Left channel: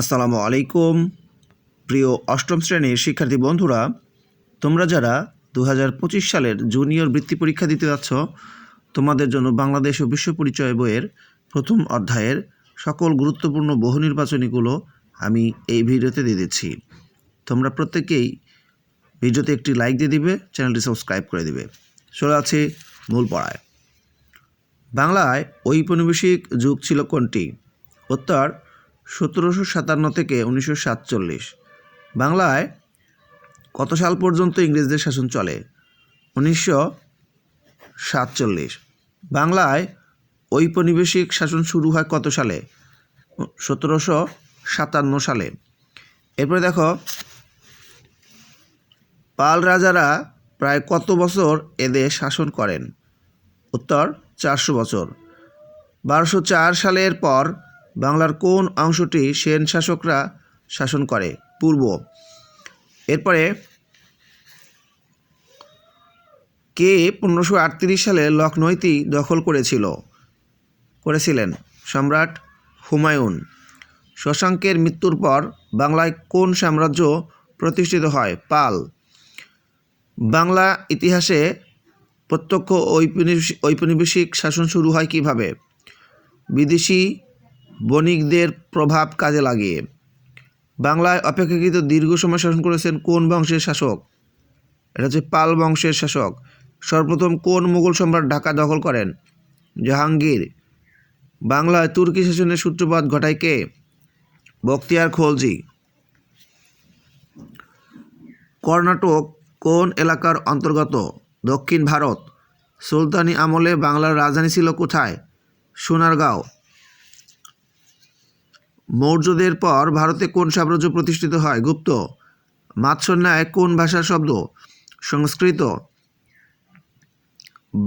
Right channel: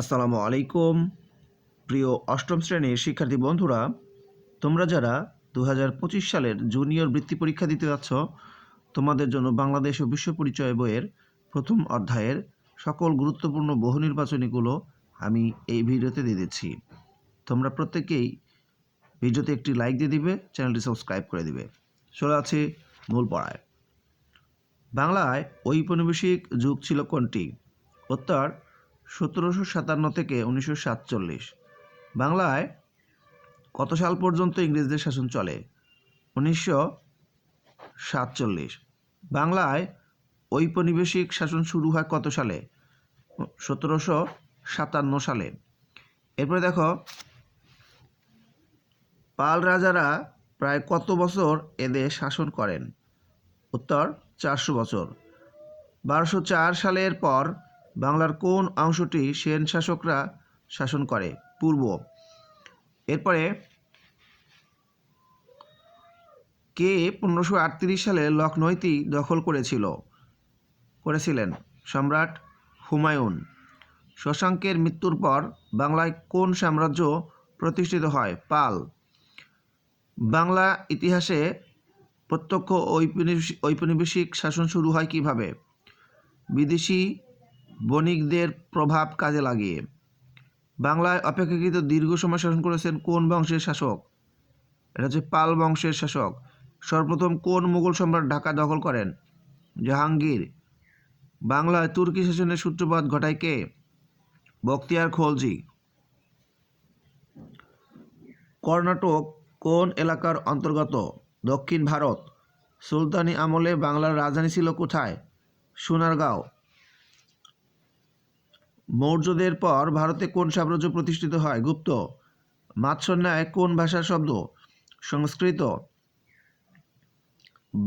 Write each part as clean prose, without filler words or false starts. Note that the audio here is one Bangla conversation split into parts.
আসসালামু আলাইকুম প্রিয় অষ্টম শ্রেণীর শিক্ষার্থী বন্ধুরা, তোমরা যারা 2025 সালের জুনিয়র বৃত্তি পরীক্ষা দিতে যাচ্ছ, তোমাদের জন্য বাংলাদেশ ও বিশ্ব পরিচয় বইয়ের প্রথম অধ্যায়ের সকল গুরুত্বপূর্ণ বহু নির্বাচনীগুলো আমি এই ভিডিওতে দিয়ে দিচ্ছি। তোমরা প্রত্যেকেই ভিডিওতে একটি লাইক দিয়ে দিবে, চ্যানেলটি সাবস্ক্রাইব করে দিবে। চলে আছে মূল পড়ায়। বাংলায় ঔপনিবেশিক যুগ ছিল কোনটি? উত্তর 1757 থেকে 1947। বাংলায় কত সাল পর্যন্ত ইংরেজদের শাসন চলে? 1947। বাংলায় ঔপনিবেশিক শাসন শুরু হয় কত সালে? 1757 সালে। এরপরে দেখো, পাল রাজারা প্রায় কত বছর এদেশ শাসন করেন? উত্তর 400 বছর। 1204 সালের পর বাংলার কোন অংশটি সেন শাসকরা শাসন করে? পূর্ব। এরপরে কে 1538 সালে লখনৌতি দখল করেছিলেন? সম্রাট হুমায়ুন। শশাঙ্কের মৃত্যুর পর বাংলায় কোন সাম্রাজ্য প্রতিষ্ঠিত হয়? পাল। বাংলা ইতিহাসে প্রত্যক্ষ ঔপনিবেশিক শাসন শুরু হয় কিভাবে? বিদেশি বণিকদের প্রভাব কাজে লাগিয়ে। বাংলায় অপেক্ষাকৃত দীর্ঘ সময় শাসন করেছেন কোন বংশের শাসক? এটা হচ্ছে পাল বংশের শাসক। সর্বপ্রথম কোন মুঘল সম্রাট ঢাকা দখল করেন? জাহাঙ্গীর। বাংলায় তুর্কি শাসনের সূত্রপাত ঘটায় কে? বখতিয়ার খলজি। কর্ণাটক কোন এলাকার অন্তর্গত? দক্ষিণ ভারত। সুলতানি আমলে বাংলার রাজধানী ছিল কোথায়? সোনারগাঁও। মৌর্যদের পর ভারতে কোন সাম্রাজ্য প্রতিষ্ঠিত হয়? গুপ্ত। মাৎস্যন্যায় কোন ভাষার শব্দ? সংস্কৃত।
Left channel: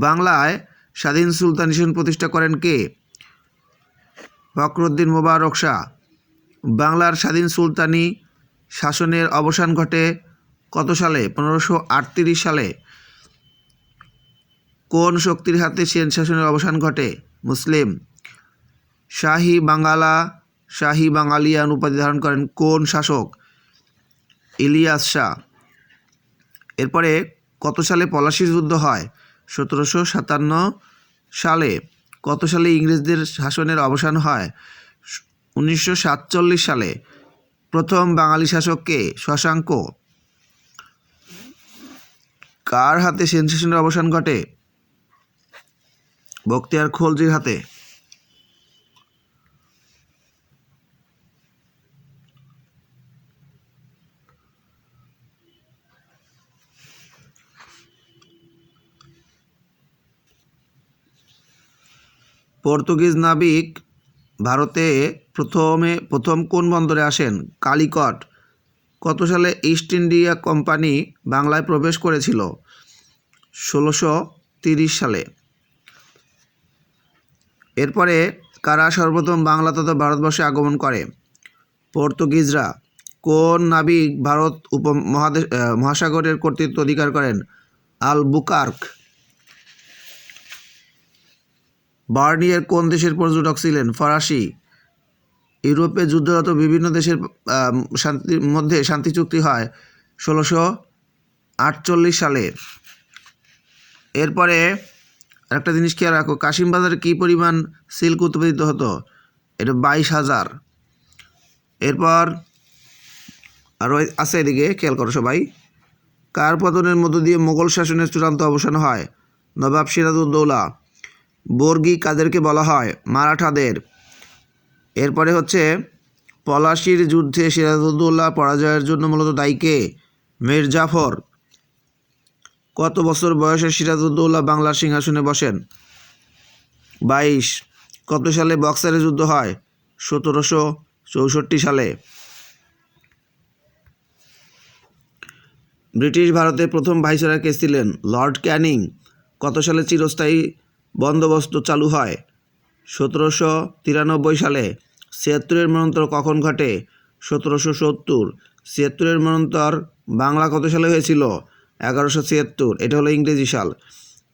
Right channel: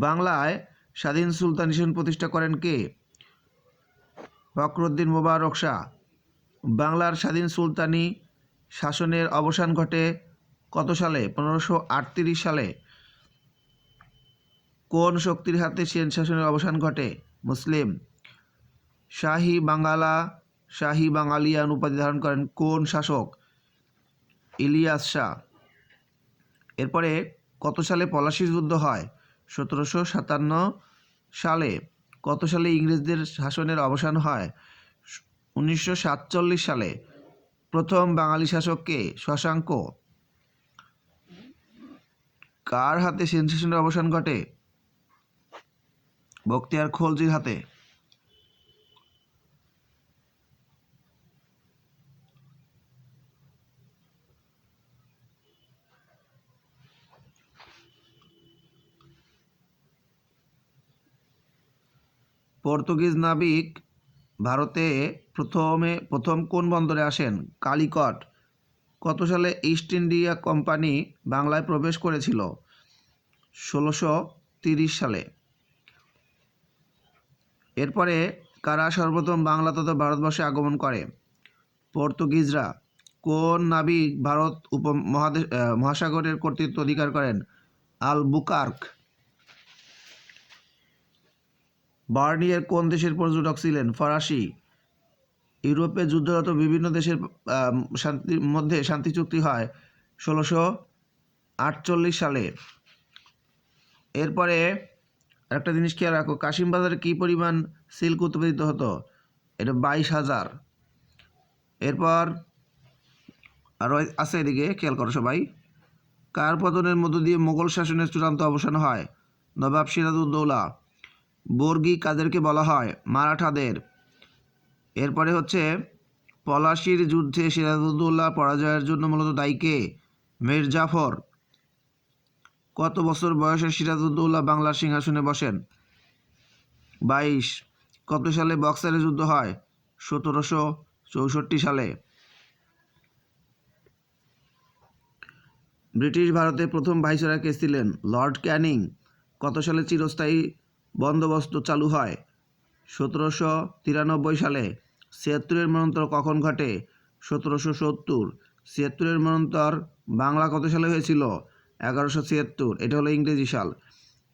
বাংলায় স্বাধীন সুলতানি শাসন প্রতিষ্ঠা করেন কে? ফখরুদ্দীন মোবারক শাহ। বাংলার স্বাধীন সুলতানি শাসনের অবসান ঘটে কত সালে? 1538 সালে। কোন শক্তির হাতে সেন শাসনের অবসান ঘটে? মুসলিম। শাহী বাঙালিয়ান উপাধি ধারণ করেন কোন শাসক? ইলিয়াস শাহ। এরপরে কত সালে পলাশীর যুদ্ধ হয়? 1757 সালে। কত সালে ইংরেজদের শাসনের অবসান হয়? 1947 সালে। প্রথম বাঙালি শাসক কে? শশাঙ্ক। কার হাতে সেন শাসনের অবসান ঘটে? বখতিয়ার খলজির হাতে। পর্তুগিজ নাবিক ভারতে প্রথম কোন বন্দরে আসেন? কালিকট। কত সালে ইস্ট ইন্ডিয়া কোম্পানি বাংলায় প্রবেশ করেছিল? 1630 সালে। এরপরে কারা সর্বপ্রথম বাংলা তথা ভারতবর্ষে আগমন করে? পর্তুগিজরা। কোন নাবিক ভারত মহাসাগরের কর্তৃত্ব অধিকার করেন? আলবুকার্ক। বার্নিয়ার কোন দেশের পর্যটক ছিলেন? ফরাসি। ইউরোপে যুদ্ধরত বিভিন্ন দেশের মধ্যে শান্তি চুক্তি হয় 1648 সালে। এরপরে একটা জিনিস খেয়াল রাখো, কাশিম বাজারে কী পরিমাণ সিল্ক উৎপাদিত হতো? এটা 22,000। এরপর আরও আছে, এদিকে খেয়াল করো সবাই। কার পতনের মধ্য দিয়ে মোগল শাসনের চূড়ান্ত অবসান হয়? নবাব সিরাজউদ্দৌলা। বর্গী কাদেরকে বলা হয়? মারাঠাদের। এরপরে হচ্ছে পলাশীর যুদ্ধে সিরাজউদ্দৌলা পরাজয়ের জন্য মূলত দায়ী কে? মীর জাফর। কত বছর বয়সে সিরাজউদ্দৌলা বাংলার সিংহাসনে বসেন? 22। কত সালে বক্সারের যুদ্ধ হয়? 1764 সালে। ব্রিটিশ ভারতে প্রথম ভাইসরয় কে ছিলেন? লর্ড ক্যানিং। কত সালে চিরস্থায়ী বন্দোবস্ত চালু হয়? 1793 সালে। 76-এর মন্বন্তর কখন ঘটে? 1770। 76-এর মন্বন্তর বাংলা কত সালে হয়েছিল? 1176। এটা হলো ইংরেজি সাল।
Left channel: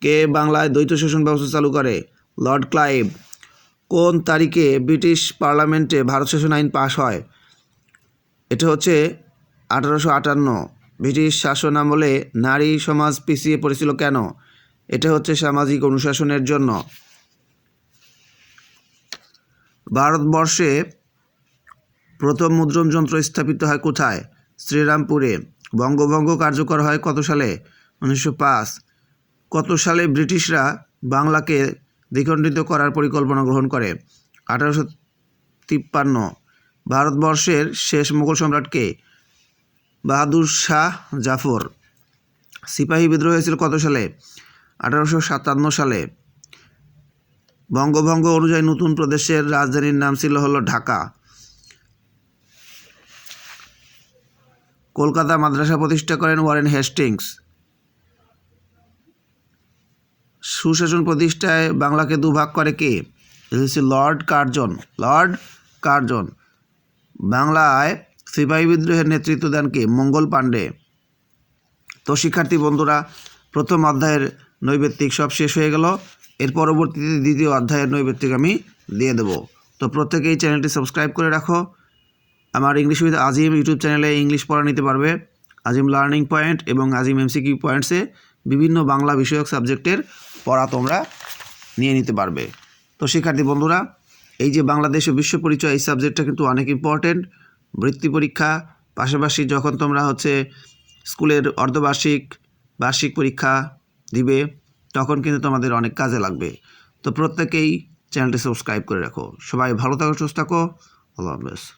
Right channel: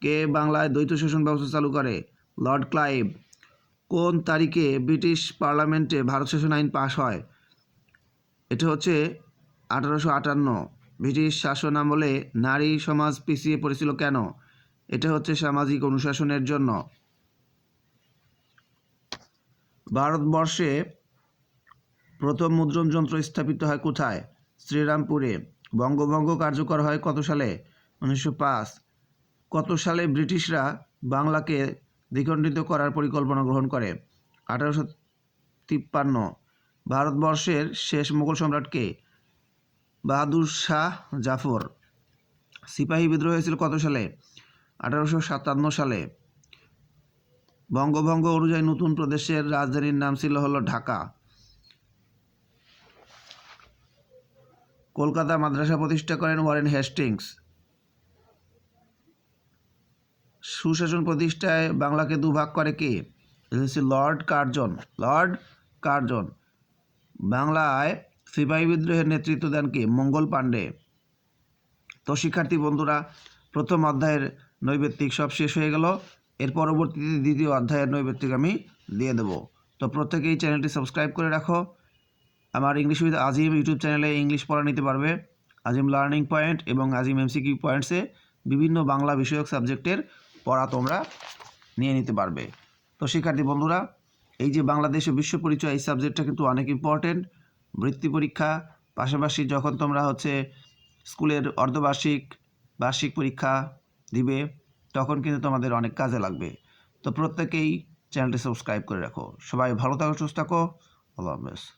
কে বাংলায় দ্বৈত শাসন ব্যবস্থা চালু করে? Lord Clive. কোন তারিখে ব্রিটিশ পার্লামেন্টে ভারত শাসন আইন পাশ হয়? এটা হচ্ছে 1858। ব্রিটিশ শাসন আমলে নারী সমাজ পিছিয়ে পড়েছিল কেন? এটা হচ্ছে সামাজিক অনুশাসনের জন্য। ভারতবর্ষে প্রথম মুদ্রণ যন্ত্র স্থাপিত হয় কোথায়? শ্রীরামপুরে। বঙ্গভঙ্গ কার্যকর হয় কত সালে? 1905। কত সালে ব্রিটিশরা বাংলাকে দ্বিখণ্ডিত করার পরিকল্পনা গ্রহণ করে? 1853। ভারতবর্ষের শেষ মুঘল সম্রাট কে? বাহাদুর শাহ জাফর। সিপাহী বিদ্রোহ হয়েছিল কত সালে? 1857 সালে। বঙ্গভঙ্গ অনুযায়ী নতুন প্রদেশের রাজধানীর নাম ছিল হলো ঢাকা। কলকাতা মাদ্রাসা প্রতিষ্ঠা করেন ওয়ারেন হেস্টিংস। সুশাসন প্রতিষ্ঠায় বাংলাকে দুভাগ করে কে? Lord Curzon. Lord Curzon. বাংলায় সিপাহী বিদ্রোহের নেতৃত্ব দেন কে? মঙ্গল পাণ্ডে। তো শিক্ষার্থী বন্ধুরা, প্রথম অধ্যায়ের নৈবেত্তিক সব শেষ হয়ে গেল। এর পরবর্তীতে দ্বিতীয় অধ্যায়ের নৈবেত্তিক আমি দিয়ে দেব। তো প্রত্যেকেই চ্যানেলটি সাবস্ক্রাইব করে রাখো। আমার ইংলিশ উইথ আজিম ইউটিউব চ্যানেলে ইংলিশ পড়া নিতে পারবে। আজিম লার্নিং পয়েন্ট এবং আজিম এমসিকিউ পয়েন্টসে বিভিন্ন বাংলা বিষয়ক সাবজেক্টের পড়া তোমরা নিয়ে নিতে পারবে। তো শিক্ষার্থী বন্ধুরা, এই যে বাংলাদেশ ও বিশ্ব পরিচয়, এই সাবজেক্টটা কিন্তু অনেক ইম্পর্টেন্ট। বৃত্তি পরীক্ষা পাশাপাশি যখন তোমরা হচ্ছে স্কুলের অর্ধবার্ষিক বার্ষিক পরীক্ষা দিবে, তখন কিন্তু তোমাদের অনেক কাজে লাগবে। তো প্রত্যেকেই চ্যানেলটি সাবস্ক্রাইব করে রাখো। সবাই ভালো থাকো, সুস্থ থাকো। আল্লাহ হাফেজ।